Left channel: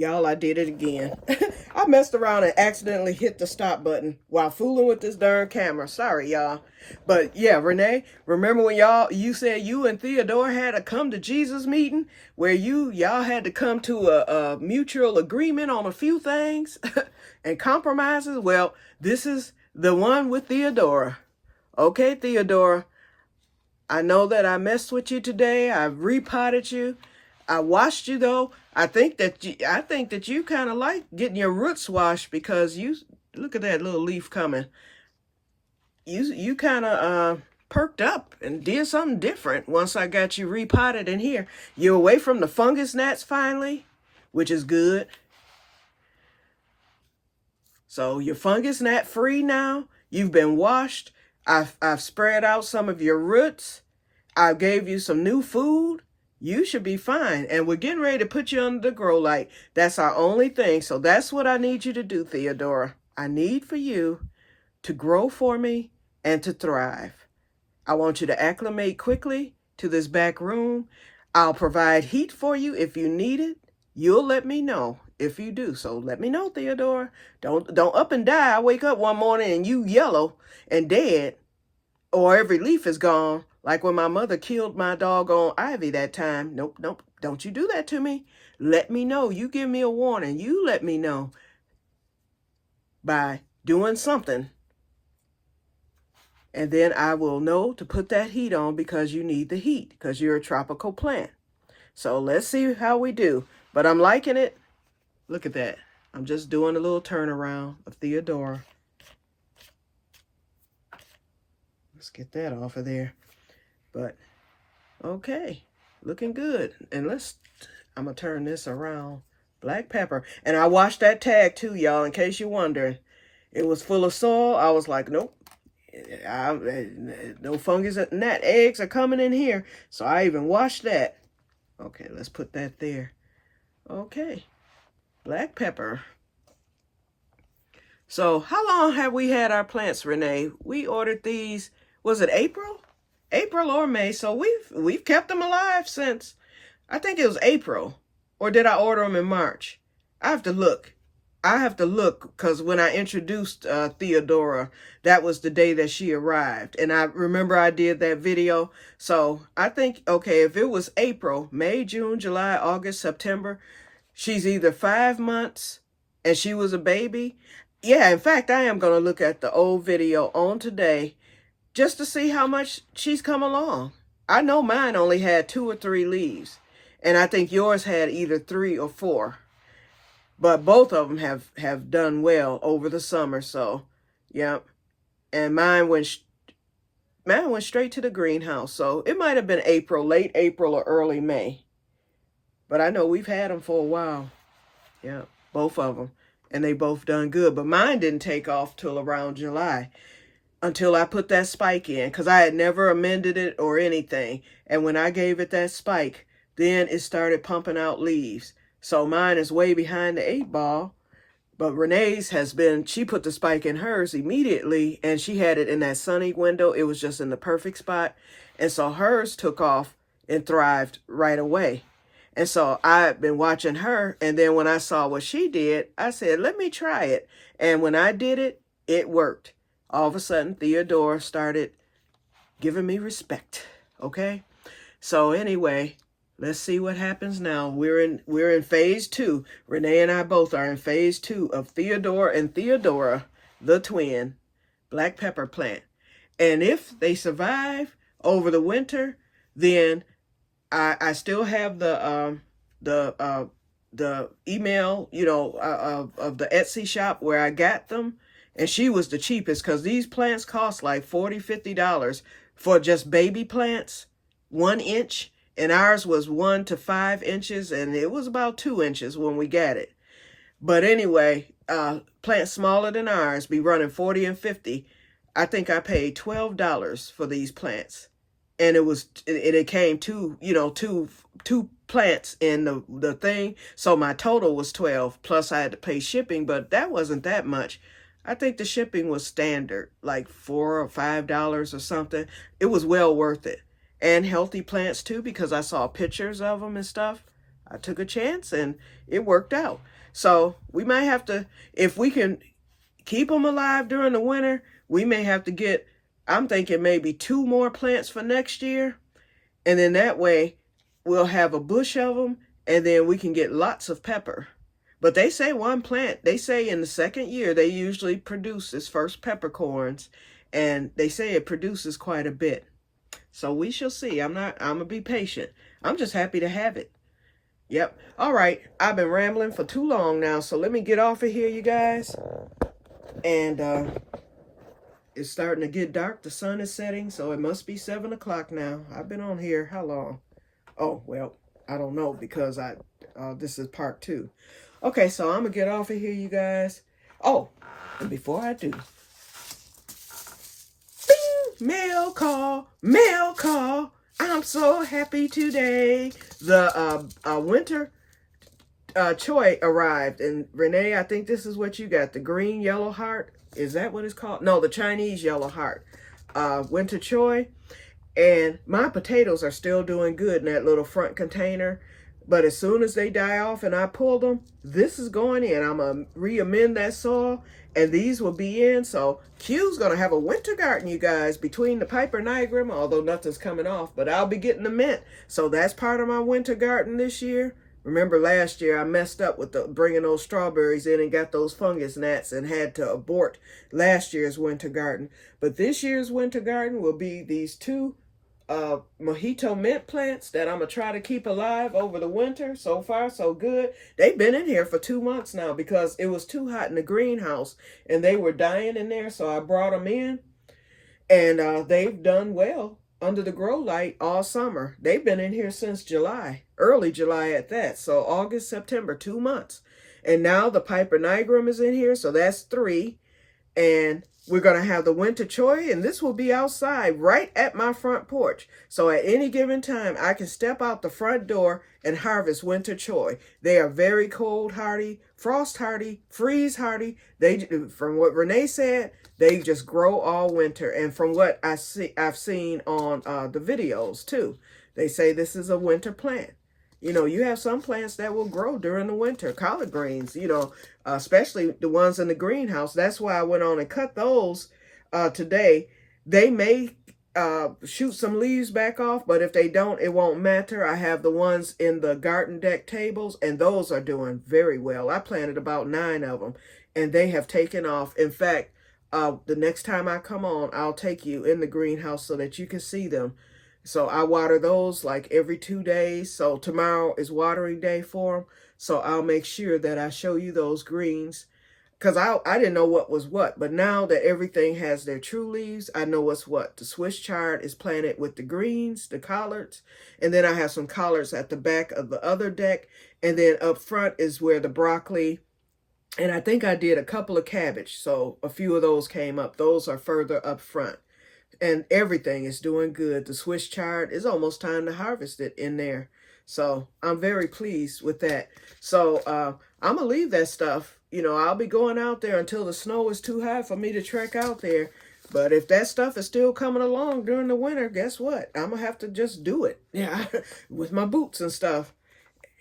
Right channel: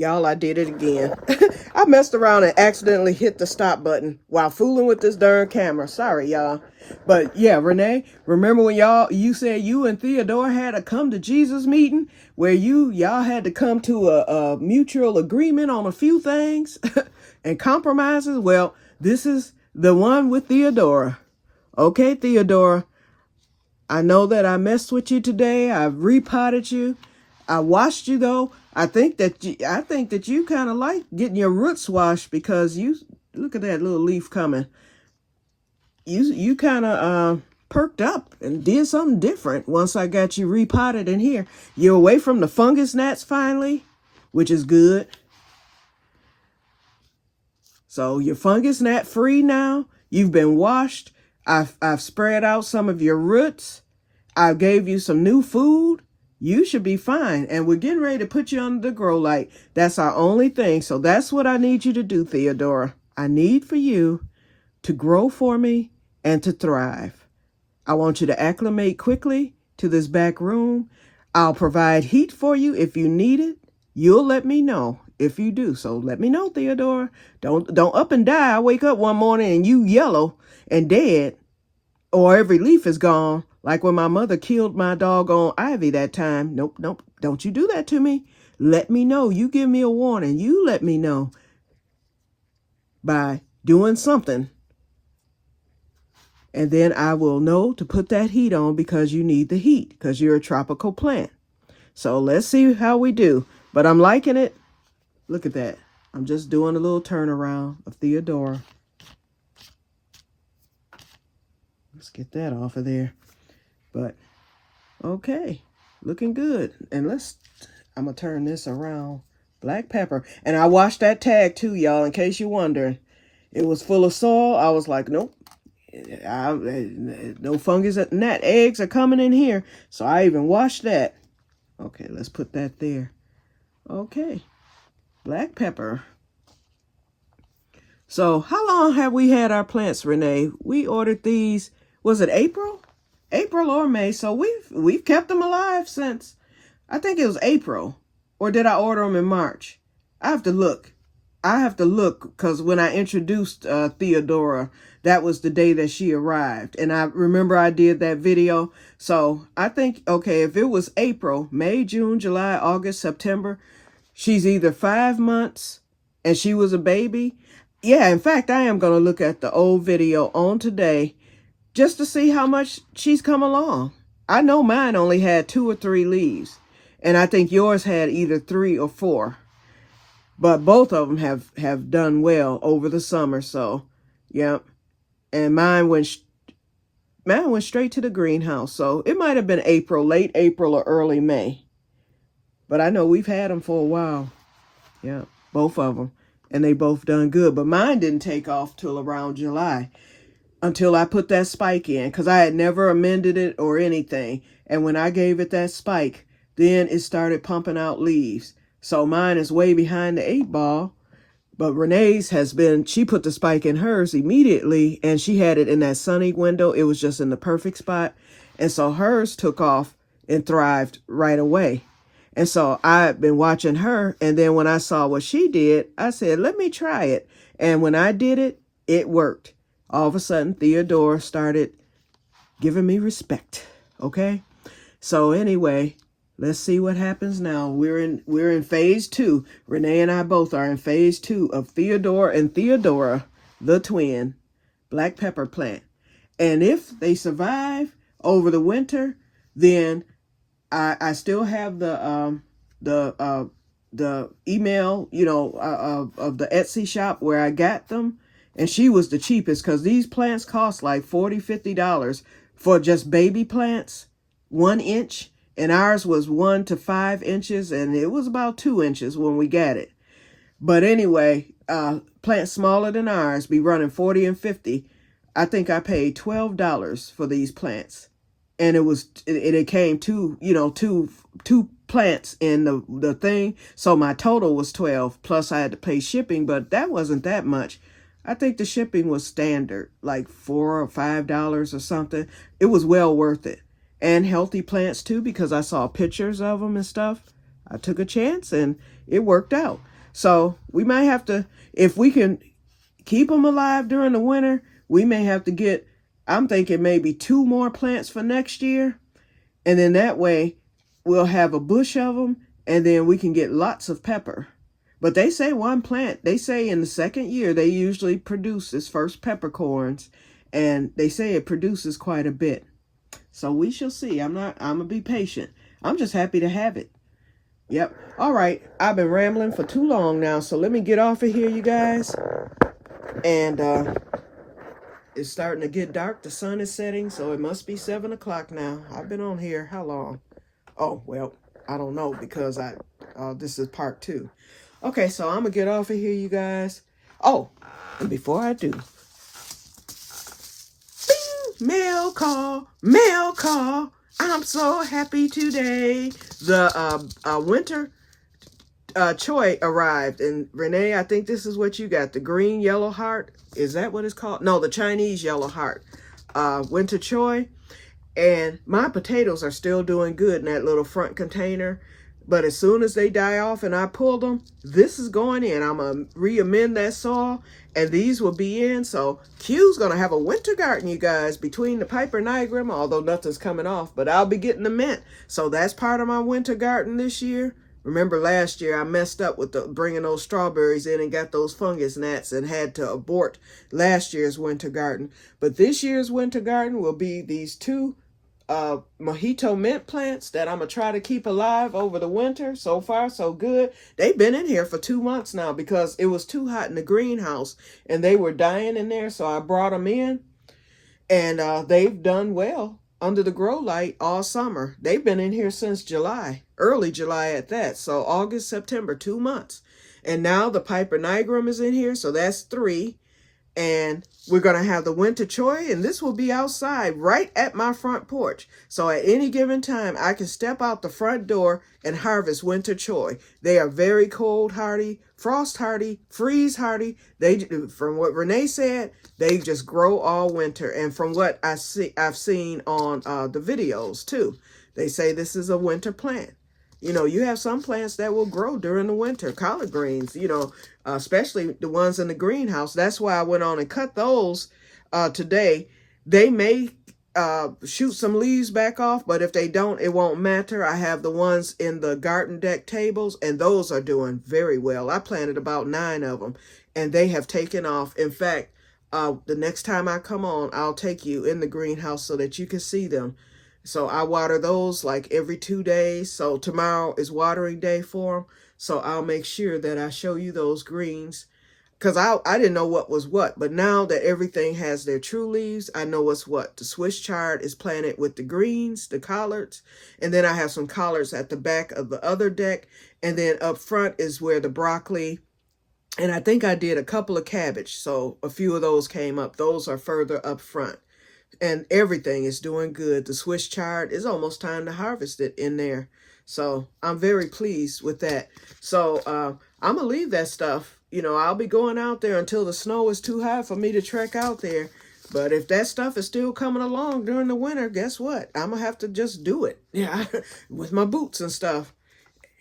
Y'all, I did it again. I messed around and accidentally hit the stop button while fooling with this darn camera. Sorry, y'all. But yeah, Renee, remember when you said you and Theodora had a come to Jesus meeting where y'all had to come to a mutual agreement on a few things and compromises? Well, this is the one with Theodora. Okay, Theodora, I know that I messed with you today. I repotted you. I washed you though. I think that you kind of like getting your roots washed because you look at that little leaf coming. You kind of perked up and did something different once I got you repotted in here. You're away from the fungus gnats finally, which is good. So you're fungus gnat free now. You've been washed. I've spread out some of your roots. I gave you some new food. You should be fine. And we're getting ready to put you under the grow light. That's our only thing. So that's what I need you to do, Theodora. I need for you to grow for me and to thrive. I want you to acclimate quickly to this back room. I'll provide heat for you if you need it. You'll let me know if you do. So let me know, Theodora. Don't up and die. I wake up one morning and you yellow and dead, or every leaf is gone. Like when my mother killed my doggone Ivy that time. Nope. Don't you do that to me. Let me know. You give me a warning. You let me know by doing something. And then I will know to put that heat on because you need the heat because you're a tropical plant. So let's see how we do. But I'm liking it. Look at that. I'm just doing a little turnaround of Theodora. Let's get that off of there. But, okay, looking good. And I'm going to turn this around. Black pepper. And I washed that tag too, y'all, in case you're wondering. It was full of soil. I was like, nope. No fungus, gnat eggs are coming in here. So I even washed that. Okay, let's put that there. Okay, black pepper. So how long have we had our plants, Renee? We ordered these, was it April or May? So we've kept them alive since, I think it was April. Or did I order them in March? I have to look because when I introduced Theodora, that was the day that she arrived. And I remember I did that video. So I think, okay, if it was April, May, June, July, August, September, she's either 5 months and she was a baby. Yeah, in fact, I am going to look at the old video on today just to see how much she's come along. I know mine only had 2 or 3 leaves. And I think yours had either 3 or 4. But both of them have done well over the summer. So, yeah. And mine went straight to the greenhouse. So it might have been April, late April or early May. But I know we've had them for a while. Yeah, both of them. And they both done good. But mine didn't take off till around July. Until I put that spike in. Because I had never amended it or anything. And when I gave it that spike, then it started pumping out leaves. So mine is way behind the 8 ball. But Renee's she put the spike in hers immediately. And she had it in that sunny window. It was just in the perfect spot. And so hers took off and thrived right away. And so I've been watching her. And then when I saw what she did, I said, let me try it. And when I did it, it worked. All of a sudden, Theodora started giving me respect. Okay? So anyway, let's see what happens now. We're in phase 2. Renee and I both are in phase 2 of Theodora and Theodora, the twin black pepper plant. And if they survive over the winter, then I still have the email, of the Etsy shop where I got them. And she was the cheapest because these plants cost like $40, $50 for just baby plants, 1 inch. And ours was 1 to 5 inches, and it was about 2 inches when we got it. But anyway, plants smaller than ours be running 40 and 50. I think I paid $12 for these plants. And it came two plants in the thing. So my total was 12, plus I had to pay shipping, but that wasn't that much. I think the shipping was standard, like $4 or $5 or something. It was well worth it. And healthy plants too, because I saw pictures of them and stuff. I took a chance and it worked out. So we might have to, if we can keep them alive during the winter, we may have to get, I'm thinking maybe 2 more plants for next year. And then that way we'll have a bush of them, and then we can get lots of pepper. But they say one plant, they say in the second year, they usually produce its first peppercorns, and they say it produces quite a bit. So we shall see. I'm going to be patient. I'm just happy to have it. Yep. All right. I've been rambling for too long now, so let me get off of here, you guys. And it's starting to get dark. The sun is setting, so it must be 7 o'clock now. I've been on here how long? Oh, well, I don't know, because this is part 2. Okay, so I'm going to get off of here, you guys. Oh, and before I do, bing, mail call, mail call. I'm so happy today. The winter choy arrived. And Renee, I think this is what you got. The green yellow heart. Is that what it's called? No, the Chinese yellow heart. Winter choy. And my potatoes are still doing good in that little front container. But as soon as they die off and I pull them, this is going in. I'm going to re-amend that soil, and these will be in. So Q's going to have a winter garden, you guys, between the Piper Nigrum, although nothing's coming off. But I'll be getting the mint. So that's part of my winter garden this year. Remember last year I messed up with bringing those strawberries in and got those fungus gnats and had to abort last year's winter garden. But this year's winter garden will be these 2 mojito mint plants that I'm going to try to keep alive over the winter. So far, so good. They've been in here for 2 months now because it was too hot in the greenhouse and they were dying in there. So I brought them in, and they've done well under the grow light all summer. They've been in here since July, early July at that. So August, September, 2 months. And now the Piper Nigrum is in here. So that's 3. And we're going to have the winter choy, and this will be outside right at my front porch. So at any given time, I can step out the front door and harvest winter choy. They are very cold hardy, frost hardy, freeze hardy. They, from what Renee said, they just grow all winter. And from what I've seen on the videos too, they say this is a winter plant. You know, you have some plants that will grow during the winter, collard greens, you know, especially the ones in the greenhouse. That's why I went on and cut those today. They may shoot some leaves back off, but if they don't, it won't matter. I have the ones in the garden deck tables, and those are doing very well. I planted about 9 of them, and they have taken off. In fact, the next time I come on, I'll take you in the greenhouse so that you can see them. So I water those like every 2 days. So tomorrow is watering day for them. So I'll make sure that I show you those greens. Because I didn't know what was what. But now that everything has their true leaves, I know what's what. The Swiss chard is planted with the greens, the collards. And then I have some collards at the back of the other deck. And then up front is where the broccoli. And I think I did a couple of cabbage. So a few of those came up. Those are further up front. And everything is doing good. The Swiss chard is almost time to harvest it in there. So I'm very pleased with that. So I'm going to leave that stuff. You know, I'll be going out there until the snow is too high for me to trek out there. But if that stuff is still coming along during the winter, guess what? I'm going to have to just do it. Yeah, with my boots and stuff.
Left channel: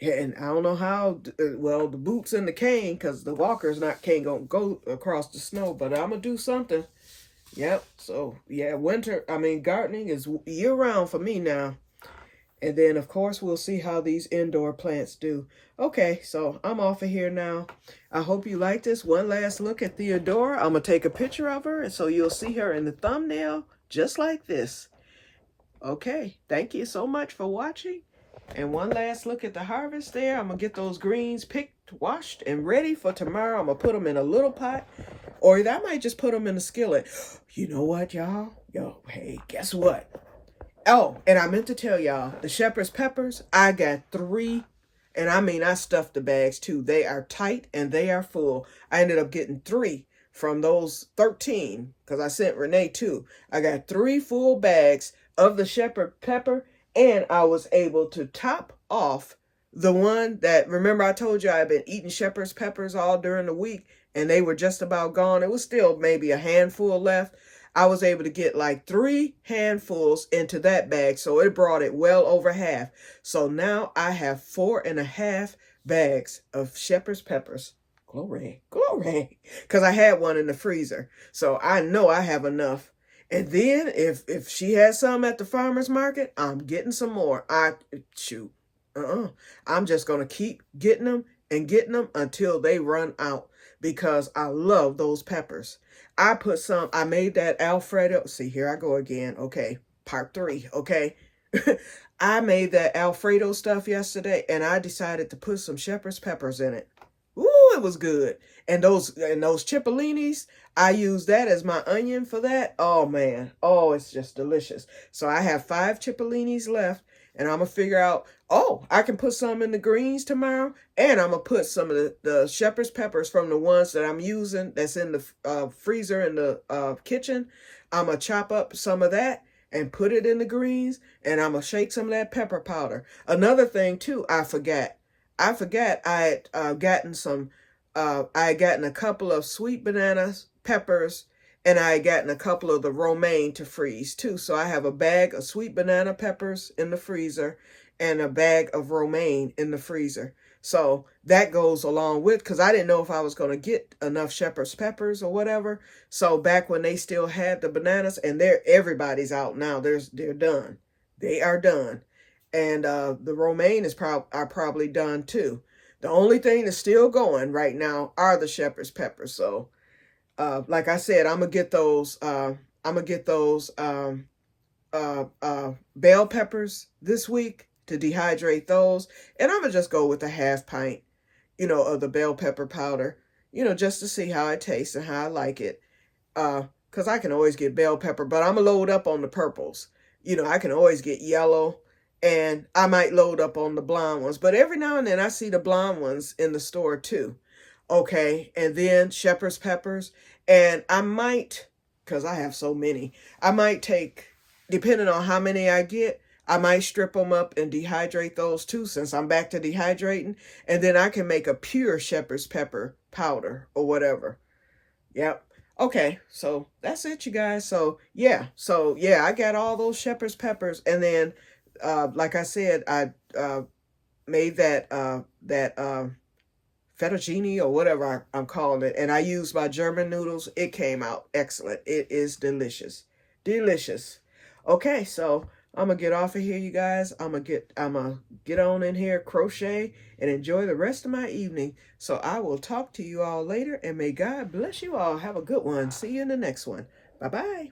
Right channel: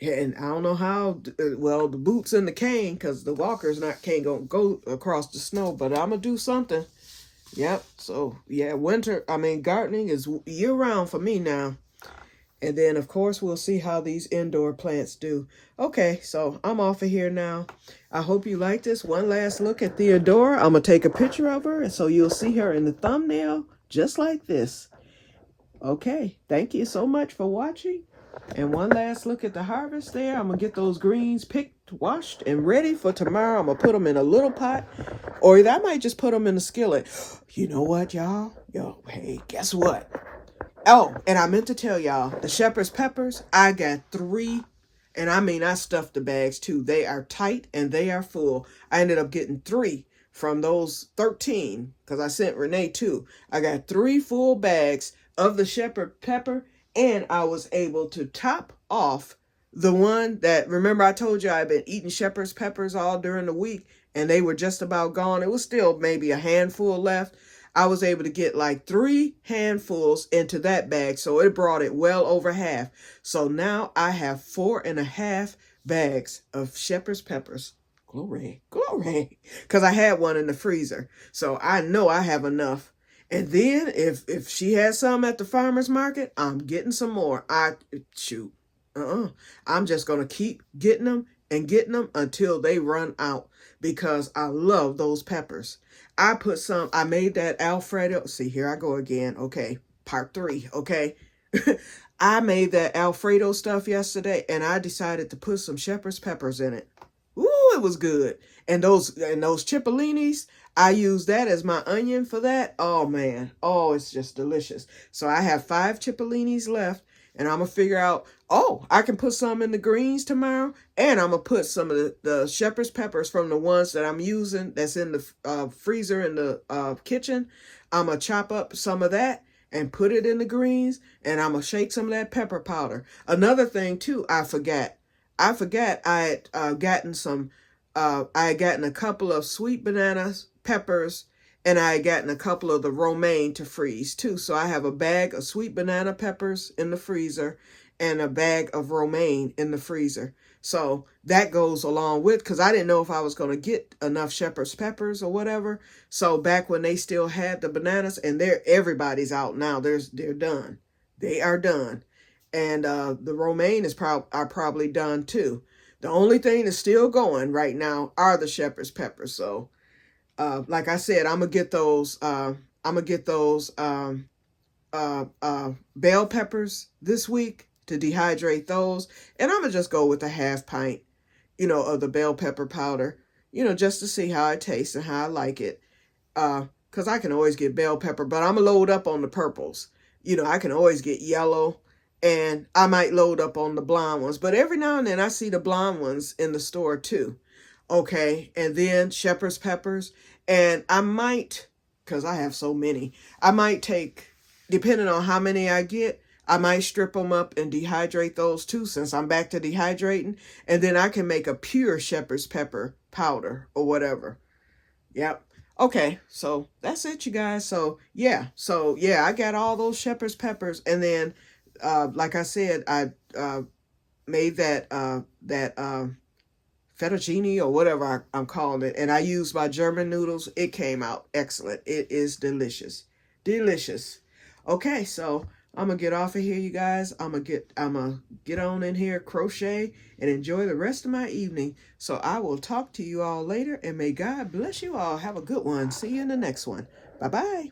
And I don't know how, well, the boots and the cane, because the walker's can't go across the snow. But I'm going to do something. Yep. So, yeah, gardening is year-round for me now. And then, of course, we'll see how these indoor plants do. Okay, so I'm off of here now. I hope you like this. One last look at Theodora. I'm going to take a picture of her, and so you'll see her in the thumbnail, just like this. Okay, thank you so much for watching. And one last look at the harvest there. I'm going to get those greens picked, washed, and ready for tomorrow. I'm going to put them in a little pot. Or either I might just put them in a skillet. You know what, y'all? Yo, hey, guess what? Oh, and I meant to tell y'all, the shepherd's peppers, I got 3. And I mean, I stuffed the bags too. They are tight and they are full. I ended up getting 3 from those 13 because I sent Renee 2. I got 3 full bags of the shepherd pepper, and I was able to top off the one that, remember I told you I've been eating shepherd's peppers all during the week, and they were just about gone. It was still maybe a handful left. I was able to get like 3 handfuls into that bag, so it brought it well over half. So now I have 4.5 bags of shepherd's peppers. Glory, glory. Because I had one in the freezer. So I know I have enough. And then if she has some at the farmer's market, I'm getting some more. Shoot. I'm just going to keep getting them and getting them until they run out because I love those peppers. I made that Alfredo. See, here I go again. Okay, part 3. Okay. I made that Alfredo stuff yesterday and I decided to put some shepherd's peppers in it. Ooh, it was good. And those cipollinis, I use that as my onion for that. Oh man. Oh, it's just delicious. So I have 5 cipollinis left and I'm gonna figure out, oh, I can put some in the greens tomorrow and I'm gonna put some of the shepherd's peppers from the ones that I'm using that's in the freezer in the kitchen. I'm gonna chop up some of that and put it in the greens, and I'm going to shake some of that pepper powder. Another thing, too, I forgot I had gotten a couple of sweet banana peppers, and I had gotten a couple of the romaine to freeze, too. So I have a bag of sweet banana peppers in the freezer and a bag of romaine in the freezer. So that goes along with, because I didn't know if I was going to get enough shepherd's peppers or whatever. So back when they still had the bananas, and everybody's out now. They're done. They are done. And the romaine are probably done too. The only thing that's still going right now are the shepherd's peppers. So like I said, I'm going to get those bell peppers this week to dehydrate those. And I'm going to just go with a half pint, of the bell pepper powder, just to see how it tastes and how I like it. Because I can always get bell pepper, but I'm going to load up on the purples. I can always get yellow, and I might load up on the blonde ones. But every now and then I see the blonde ones in the store too. Okay, and then shepherd's peppers. And I might, because I have so many, I might take, depending on how many I get, I might strip them up and dehydrate those too, since I'm back to dehydrating. And then I can make a pure shepherd's pepper powder or whatever. Yep. Okay, so that's it, you guys. So yeah, I got all those shepherd's peppers. And then, like I said, I made that fettuccine or whatever I'm calling it. And I used my German noodles. It came out excellent. It is delicious. Delicious. Okay, so I'm going to get off of here, you guys. I'm going to get on in here, crochet, and enjoy the rest of my evening. So I will talk to you all later, and may God bless you all. Have a good one. See you in the next one. Bye-bye.